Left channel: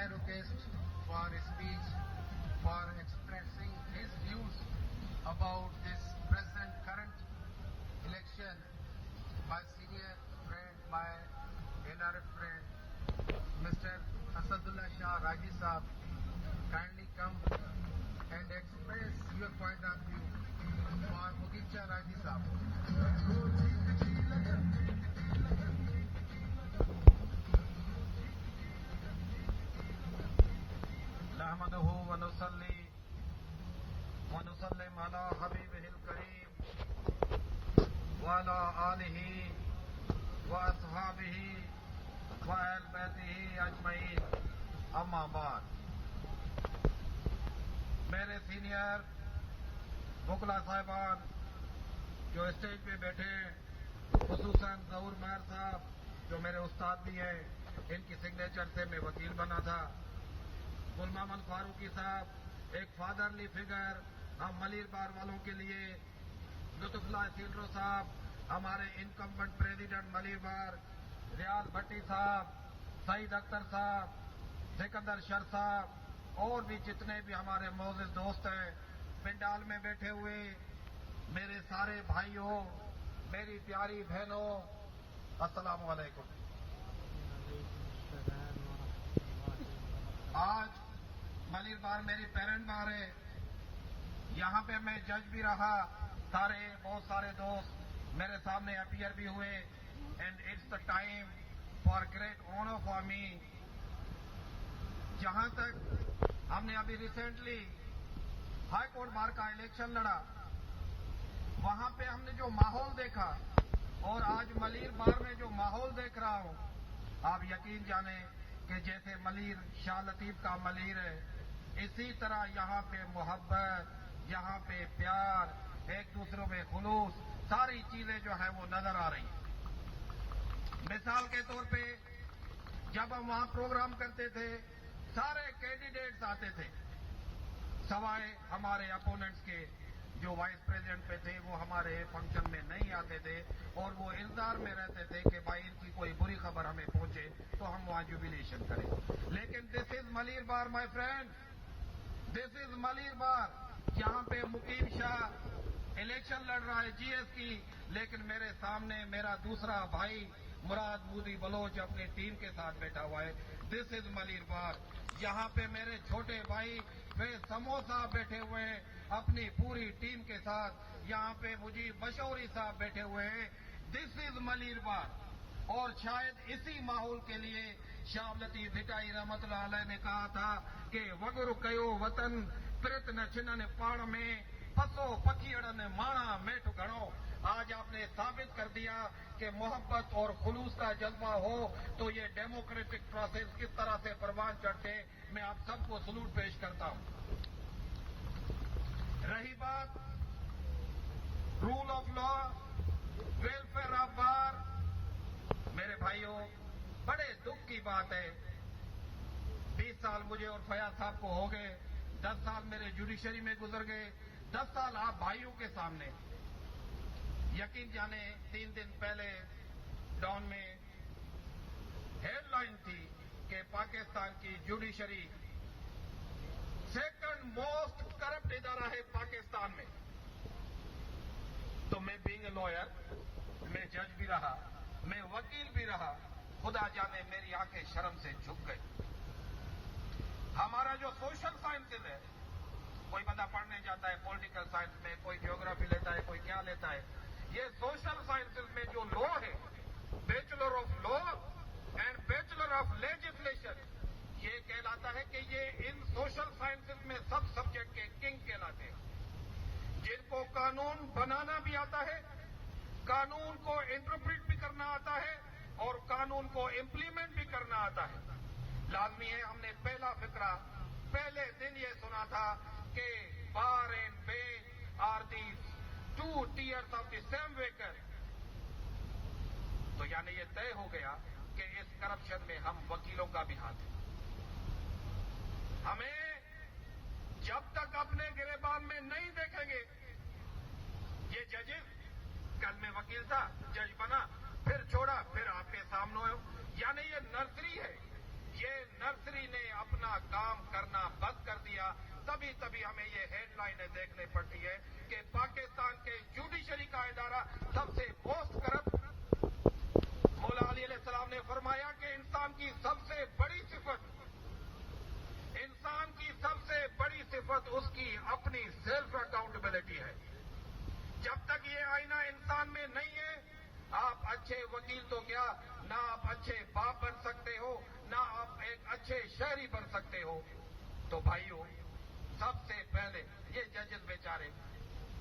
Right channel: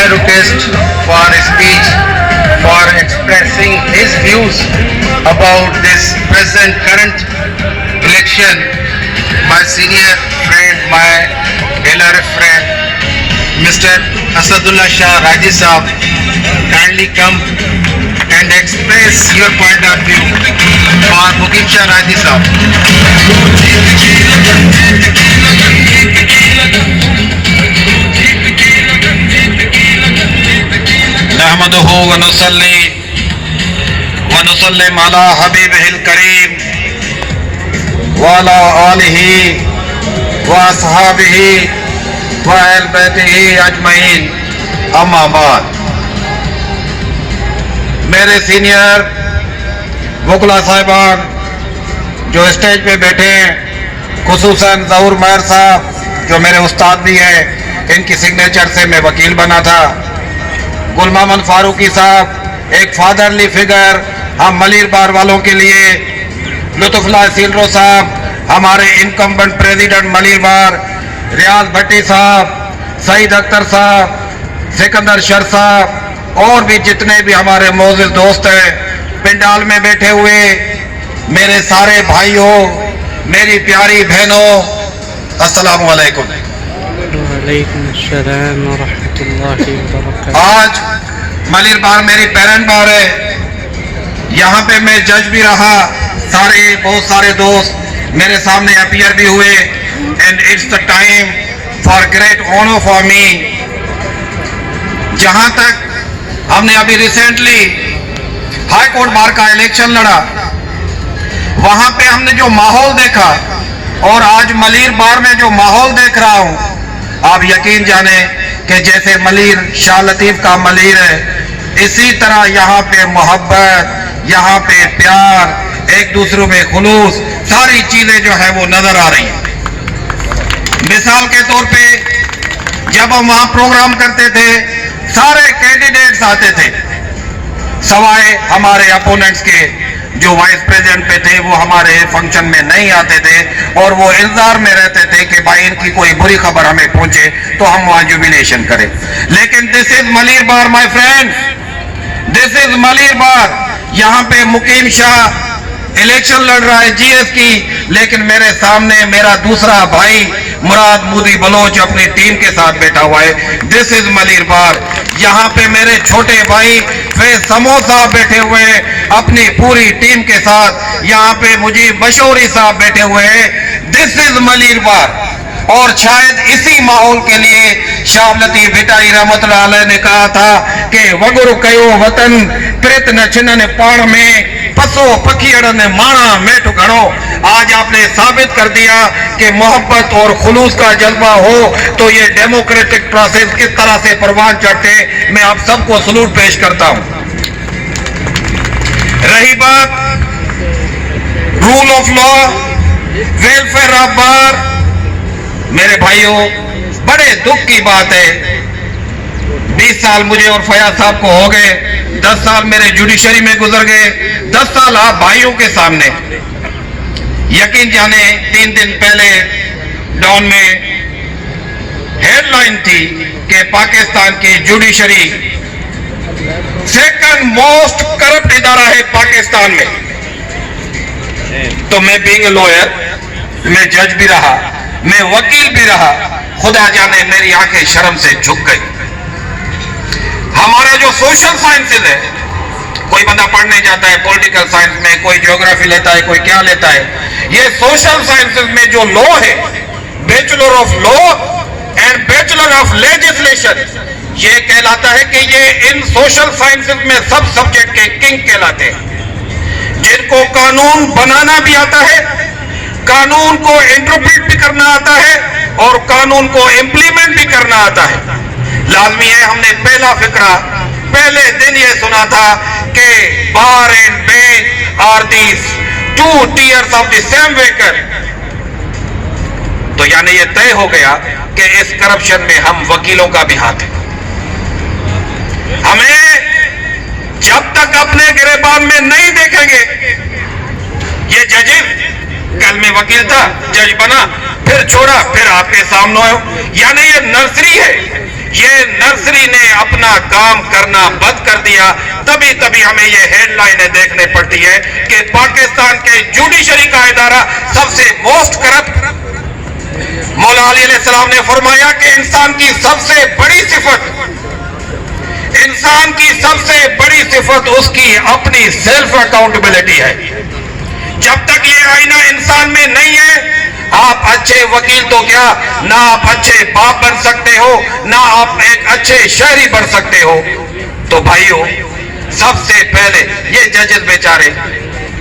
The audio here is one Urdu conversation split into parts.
my request for a speech for expressing his views about this present current election. My senior friend, my LRF friend, Mr. Asadullah Shah Raji Saab, kindly come and express your point of view for Mukim Shah Raji Saab. نحمده ونصلي ونسلم على حبيبه الكريم وعلى آله وأصحابه وأهل بيته أجمعين أما بعد. میرے سینئر وکلا صاحبان جو اسٹیج پہ بیٹھے ہیں، خصوصاً ظہور مہر صاحب جو میرے استاد بھی ہیں، ان کی سگنیچر سے میں وکیل بنا تھا، گل محمد فاروقی صاحب ایک فادرلی فگر ہم ملیر بار والوں کے لیے، لطف اللہ سیلرو صاحب ہمارے انکمبنٹ پریزیڈنٹ ملیر بار، ریاض بھٹی صاحب، سعید اختر صاحب، سکندر شر صاحب اور بھی جتنے بھی ہمارے معزز دوست ہیں پنڈال میں بیٹھے ہوئے، میرے سارے بھائیوں، میری پیاری بہنوں، السلام علیکم. وعلیکم السلام ورحمۃ اللہ وبرکاتہ. آج ملیر بار میری پیرنٹ بار ہے، یہاں پہ میں جج بھی رہا، بہت سارے دوست میرے سامنے اپیئر بھی ہوئے، and it's the time for great honour for me. جہاں تک ہم نے ابھی ریسنٹلی ہائی کورٹ بار کا الیکشن لڑا، وہاں پہ ہم نے جو ماحول دیکھا اور آج ملیر بار میں جو ماحول دیکھ رہا ہوں، آپ یقین جانیں کہ جیسے ملیر شاہ لطیف کا ملیر ہے، اسی طرح یہاں پہ محبت، یہاں پہ پیار، ایک دوسروں میں خلوص، ساری چیزیں جو ہے وہ نظر آ رہی ہیں. مثال کے طور پہ جب ہم وہاں پروگرام کرتے تھے سارے کینڈیڈیٹس آتے تھے، سوائے ہمارے اپوننٹس کے جو وائس پریزیڈنٹ پہ تھے وہ ہمارے فنکشن میں نہیں آتے تھے اور وہ انتظار میں رہتے تھے کہ بھائی ان کی کوئی بری خبر ہمیں پہنچے تو ہم وہاں جوبیلیشن کریں. لیکن دس از ملیر بار مائی فرینڈ، دس از ملیر بار. یہاں پہ مقیم شاہ الیکشن لڑ رہا ہے جی ایس کی، لیکن میرے سامنے میرا دوسرا بھائی مراد مودی بلوچ اپنی ٹیم کے ساتھ بیٹھا ہوا ہے. دس از ملیر بار. یہاں پہ میرے چھوٹے بھائی فیض سمو صاحب بیٹھے ہوئے ہیں اپنی پوری ٹیم کے ساتھ. یہاں پہ مجیب مشوری صاحب بیٹھے ہوئے ہیں. دس از ملیر بار. اور شاید اسی ماحول کے لیے شاہ لطیف بھٹائی رحمت اللہ علیہ نے کہا تھا کہ وگرو کیو وطن پرت نہ چھنن پاڑ میں پسو پکھیڑ نے مانا میٹھ گھڑو. آج آپ نے ثابت کر دیا کہ محبت اور خلوص کا جذبہ ہو تو یہ ڈیموکریٹک پروسیس کس طرح سے پروان چڑھتے. میں آپ سب کو سلوٹ پیش کرتا ہوں. رہی بات rule of law, welfare of bar, میرے بھائیوں بڑے دکھ کی بات ہے، 20 سال مجھے اور فیاض صاحب کو ہو گئے، 10 سال میرے جوڈیشری میں گزر گئے، 10 سال آپ بھائیوں کے سامنے. یقین جانے 3 دن پہلے ڈاؤن میں ہیڈ لائن تھی کہ پاکستان کی جوڈیشری سیکنڈ موسٹ کرپٹ ادارہ ہے پاکستان میں. تو میں بینگ اے لوئر، میں جج بھی رہا، میں وکیل بھی رہا، خدا جانے میری آنکھیں شرم سے جھک گئی. ہمارا جو سوشل سائنسز ہے، کوئی بندہ پڑھنے جاتا ہے پولیٹیکل سائنس میں، کوئی جیوگرافی لیتا ہے، کوئی کیا لیتا ہے، یہ سوشل سائنسز میں جو لا ہے، bachelor of law and bachelor of legislation, یہ کہلاتا ہے کہ یہ ان سوشل سائنسز میں سب سبجیکٹ کے کنگ کہلاتے ہیں، جن کو قانون بنانا بھی آتا ہے، قانون کو انٹرپریٹ بھی کرنا آتا ہے اور قانون کو امپلیمنٹ بھی کرنا آتا ہے. لازمی ہے ہم نے پہلا فقرہ پہلے دن یہ سنا تھا کہ bar and bench are these 2 tiers of the same ویکر. تو یعنی یہ طے ہو گیا کہ اس کرپشن میں ہم وکیلوں کا بھی ہاتھ ہے. ہمیں جب تک اپنے گریبان میں نہیں دیکھیں گے، یہ ججز کل میں وکیل تھا، جج بنا، پھر چھوڑا، پھر آپ کے سامنے ہو، یعنی یہ نرسری ہے، یہ نرسری نے اپنا کام کرنا بند کر دیا. تبھی ہمیں یہ ہیڈ لائنیں دیکھنے پڑتی ہے کہ پاکستان کے جوڈیشری کا ادارہ سب سے موسٹ کرپٹ. مولا علی علیہ السلام نے فرمایا کہ انسان کی سب سے بڑی صفت اس کی اپنی سیلف اکاؤنٹیبلٹی ہے. جب تک یہ آئینہ انسان میں نہیں ہے، آپ اچھے وکیل تو کیا، نہ آپ اچھے باپ بن سکتے ہو، نہ آپ ایک اچھے شہری بن سکتے ہو. تو بھائیو، سب سے پہلے یہ ججز بیچارے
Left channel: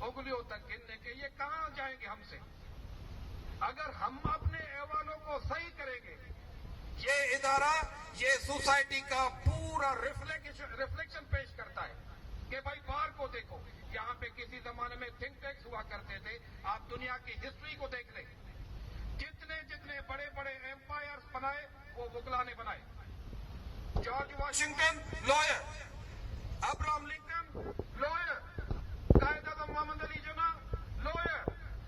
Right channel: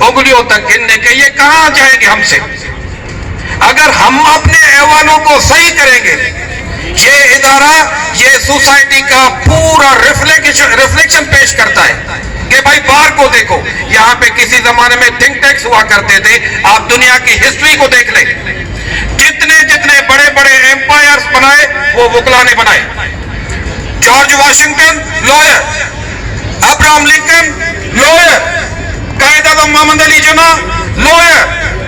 انگلیوں تک گننے کے یہ کہاں جائیں گے ہم سے؟ اگر ہم اپنے ایوانوں کو صحیح کریں گے، یہ ادارہ یہ سوسائٹی کا پورا ریفلیکشن پیش کرتا ہے کہ بھائی بار کو دیکھو. یہاں پہ کسی زمانے میں تھنک ٹینکس ہوا کرتے تھے. آپ دنیا کی ہسٹری کو دیکھ لیں، جتنے بڑے بڑے ایمپائرز بنائے وہ وکلا نے بنائے. George Washington lower, Abraham Lincoln lower, Quaid Azam محمد علی جناح لوئر،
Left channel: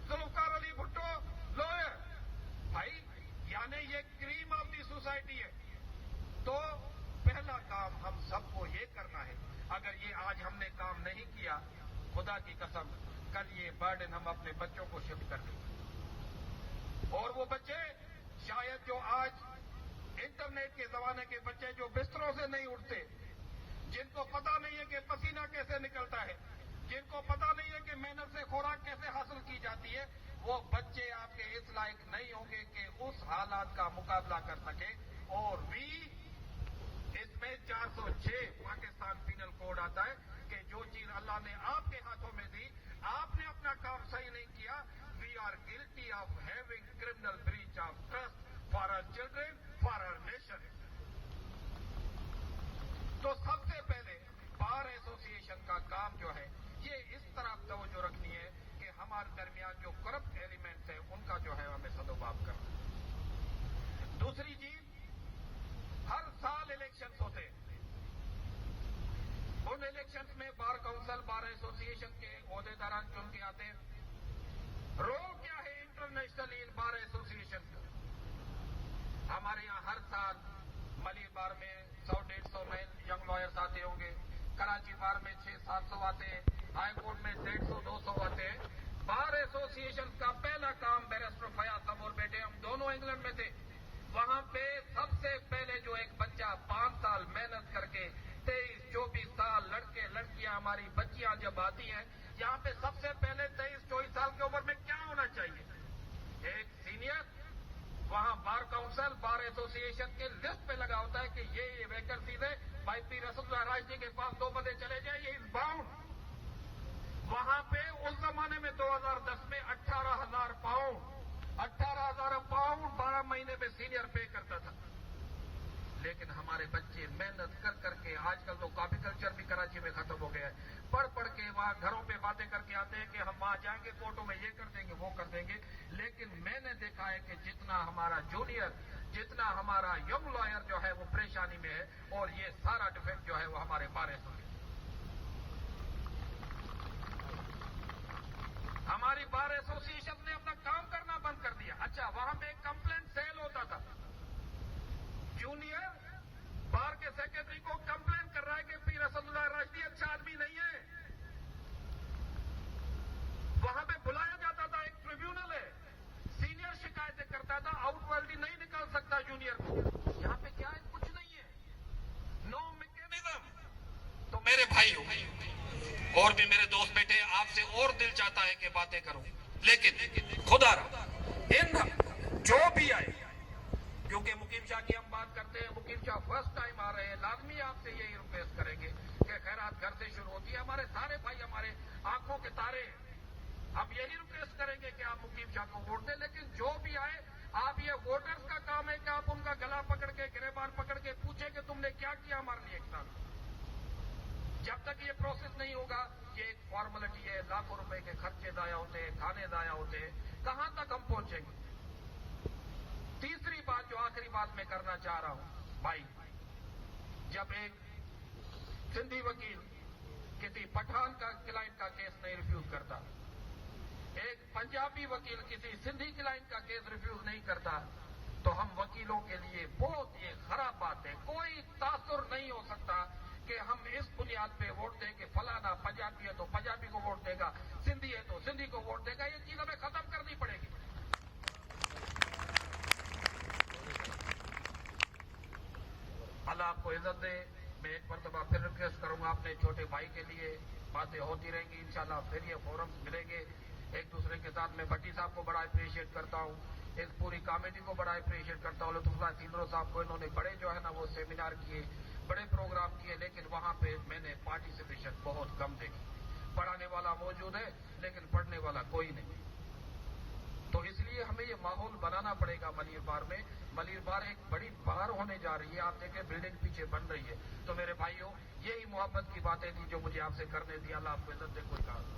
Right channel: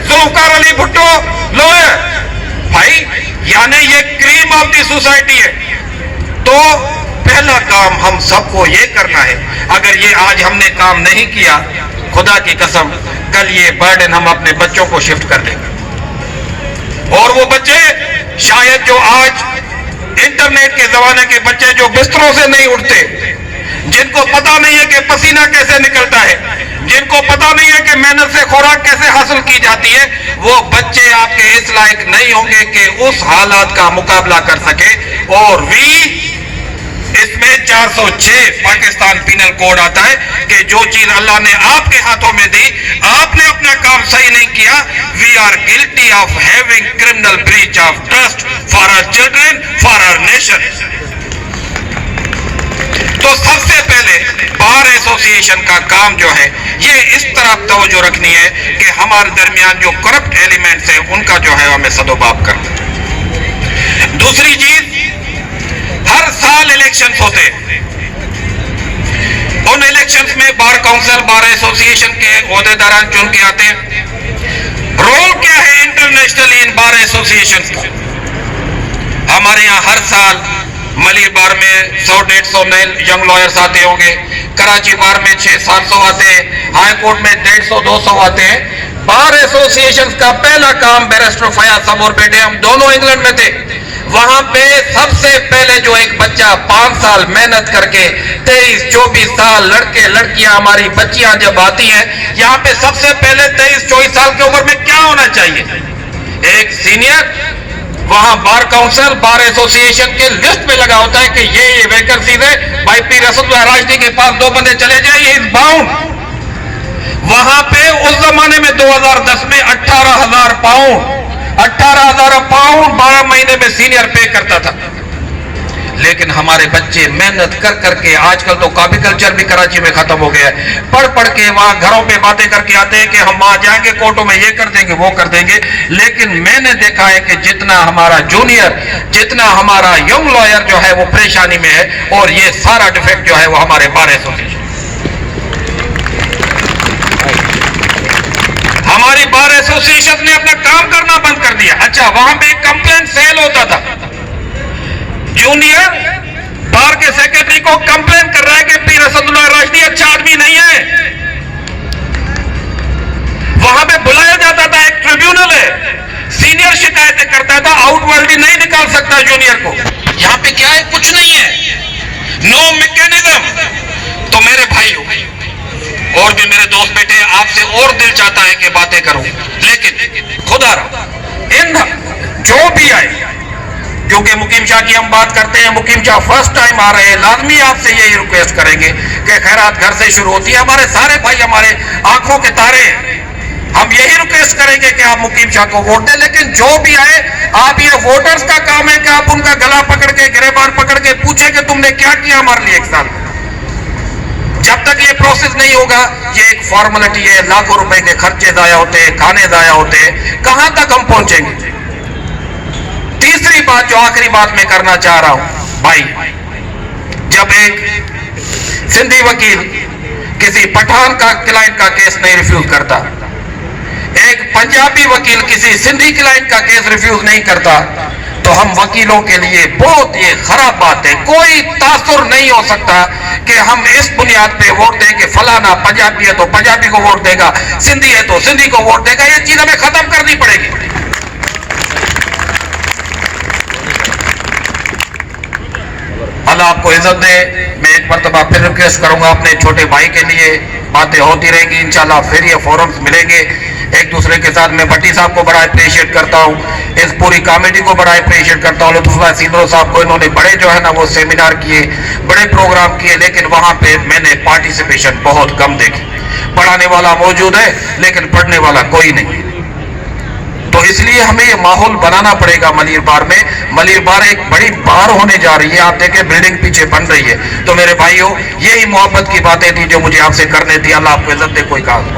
ذوالفقار علی بھٹو لوئر. بھائی یعنی یہ کریم آف دی سوسائٹی ہے. تو پہلا کام ہم سب کو یہ کرنا ہے. اگر یہ آج ہم نے کام نہیں کیا، خدا کی قسم کل یہ برڈن ہم اپنے بچوں کو شفٹ کر دیں گے. اور وہ بچے شاید جو آج انٹرنیٹ کے زمانے کے بچے جو بستروں سے نہیں اٹھتے، جن کو پتا نہیں ہے کہ پسینہ کیسے نکلتا ہے، جن کو پتا نہیں ہے کہ محنت سے خوراک کیسے حاصل کی جاتی ہے، وہ بچے آپ کے اس لائق نہیں ہوں گے کہ اس حالات کا مقابلہ کر سکے. اور اس میں 406 پاکستان پینل کوڈ آتا ہے کہ جو چیز اللہ نے آپ کے ہاتھوں میں دی، آپ نے اپنا کام صحیح نہیں کیا. We are guilty of having criminal breach of trust for our children, for our nation. تو سب سے پہلے بار ایسوسی ایشن کا کام جو ہے یہ اس طرح توجہ رکھنی ہے کہ ہمارے درمیان جو کرپٹ ایلیمنٹس ہیں ان کا جو ہے ہمیں سدوباب کرنا. دوسری چیز، ہر سال الیکشنز ہوتے ہیں. ان الیکشنز میں بار کونسل، بار ایسوسی ایشن کے عہدیداران چن کے آتے ہیں. رول کیا ہے انٹرنیشنلی ان بار ایسوسی ایشنز کا؟ ہمارے یہاں ہر سال ملیر بار میں 100-150 نئے ینگ لائرز آتے ہوں گے. کراچی بار میں 600-700 آتے ہیں. ہائی کورٹ میں 150-200 آتے ہیں. بار ایسوسی ایشن کا پہلا کام، بیرسٹر فیاض صاحب اور بیٹے ہم دونوں انگلینڈ میں تھے، وہاں پہ سب سے پہلے جو ایک بچہ 5 سال محنت کر کے 23-24 سال لڑکے لڑکیاں ہماری بچیاں جب آتی ہیں یہاں پہ، سب سے پہلے 23-24 سال کی عمر میں کیا ہونا چاہیے؟ ایک سینئر. وہاں بار کونسل، بار ایسوسی ایشن کے لسٹ میں لگا ہوتا ہے کہ یہ ویکنسیز ہے. بھائی پیر اسد اللہ راشدی کے پاس 2 بندے چلے جائیں، یہ از باؤنڈ. وہاں پہ اس زمانے میں 2010 میں 18,000 پاؤنڈ 12 مہینے میں سینئر پے کرتا تھا. لیکن ہمارے بچے محنت کر کے، آج کل تو کاپی کلچر بھی کراچی میں ختم ہو گیا ہے، پڑھ کے وہاں گھروں پہ باتیں کر کے آتے ہیں کہ ہم وہاں جائیں گے کورٹوں میں یہ کر دیں گے وہ کر دیں گے. لیکن میں نے دیکھا ہے کہ جتنا ہمارا جونیئر، جتنا ہمارا ینگ لائر جو ہے وہ پریشانی میں ہے، اور یہ سارا ڈیفیکٹ جو ہے وہ ہمارے بار ایسوسی، ہماری بار ایسوسی ایشن نے اپنا کام کرنا بند کر دیا. اچھا، وہاں پہ ایک کمپلین سیل ہوتا تھا. جونیئر بار کے سیکرٹری کو کمپلین کر رہا ہے کہ پیر اسد اللہ راشدی اچھا آدمی نہیں ہے. وہاں پہ بلایا جاتا تھا، ایک ٹریبیونل ہے، سینئر شکایتیں کرتا تھا، آؤٹ ورلڈ نہیں نکال سکتا جونیئر کو. یہاں پہ کیا ہے؟ کچھ نہیں ہے، نو میکینزم. تو میرے بھائیو اور بھی میرے دوست بیٹھے، آپ سے اور دل چاہتا ہے کہ باتیں کروں، لیکن خدا رہا ان جو بھی آئے، کیونکہ مقیم شاہ کی ہم بات کرتے ہیں، مقیم شاہ فرسٹ ٹائم آ رہے ہیں، لازمی آپ سے یہی ریکویسٹ کریں گے کہ خیرات گھر سے شروع ہوتی ہے. ہمارے سارے بھائی ہمارے آنکھوں کے تارے ہیں، ہم یہی ریکویسٹ کریں گے کہ آپ مقیم شاہ کو ووٹ دیں. لیکن جو بھی آئے، آپ یہ ووٹرز کا کام ہے کہ آپ ان کا گلا پکڑ کے، گریبان پکڑ کے پوچھیں کہ تم نے کیا کیا ہمارے لیے 1 سال. جب تک یہ پروسیس نہیں ہوگا، یہ ایک فارملٹی ہے، لاکھوں روپے کے خرچے ضائع ہوتے ہیں، کھانے ضائع ہوتے ہیں، کہاں تک ہم پہنچیں گے؟ تیسری بات جو آخری بات میں کرنا چاہ رہا ہوں، بھائی جب ایک سندھی وکیل کسی پٹھان کا کلائنٹ کا کیس نہیں ریفیوز کرتا، ایک پنجابی وکیل کسی سندھی کلائنٹ کا کیس ریفیوز نہیں کرتا، تو ہم وکیلوں کے لیے بہت یہ خراب بات ہے. کوئی تاثر نہیں ہو سکتا کہ ہم اس بنیاد پہ ووٹ دیں کہ فلانا پنجابی ہے تو پنجابی کو ووٹ دے گا, سندھی ہے تو سندھی کو ووٹ دے گا. یہ چیز ہمیں ختم کرنی پڑے گی. اللہ آپ کو عزت دے. میں ایک مرتبہ پھر ریکویسٹ کروں گا اپنے چھوٹے بھائی کے لیے, باتیں ہوتی رہیں گی انشاءاللہ, پھر یہ فورمز ملیں گے ایک دوسرے کے ساتھ. میں بٹی صاحب کو بڑا اپریشیٹ کرتا ہوں, اس پوری کمیٹی کو بڑا اپریشیٹ کرتا ہوں, لطف اللہ سیندرو صاحب کو. انہوں نے بڑے جو ہے نا وہ سیمینار کیے, بڑے پروگرام کیے, لیکن وہاں پہ میں نے پارٹیسپیشن بہت کم دیکھی. پڑھانے والا موجود ہے لیکن پڑھنے والا کوئی نہیں. تو اس لیے ہمیں یہ ماحول بنانا پڑے گا. ملیر بار میں, ملیر بار ایک بڑی بار ہونے جا رہی ہے. آپ دیکھیں بلڈنگ پیچھے بن رہی ہے. تو میرے بھائیوں, یہی محبت کی باتیں تھی جو مجھے آپ سے کرنے تھی. اللہ آپ کو عزت دے. کوئی کام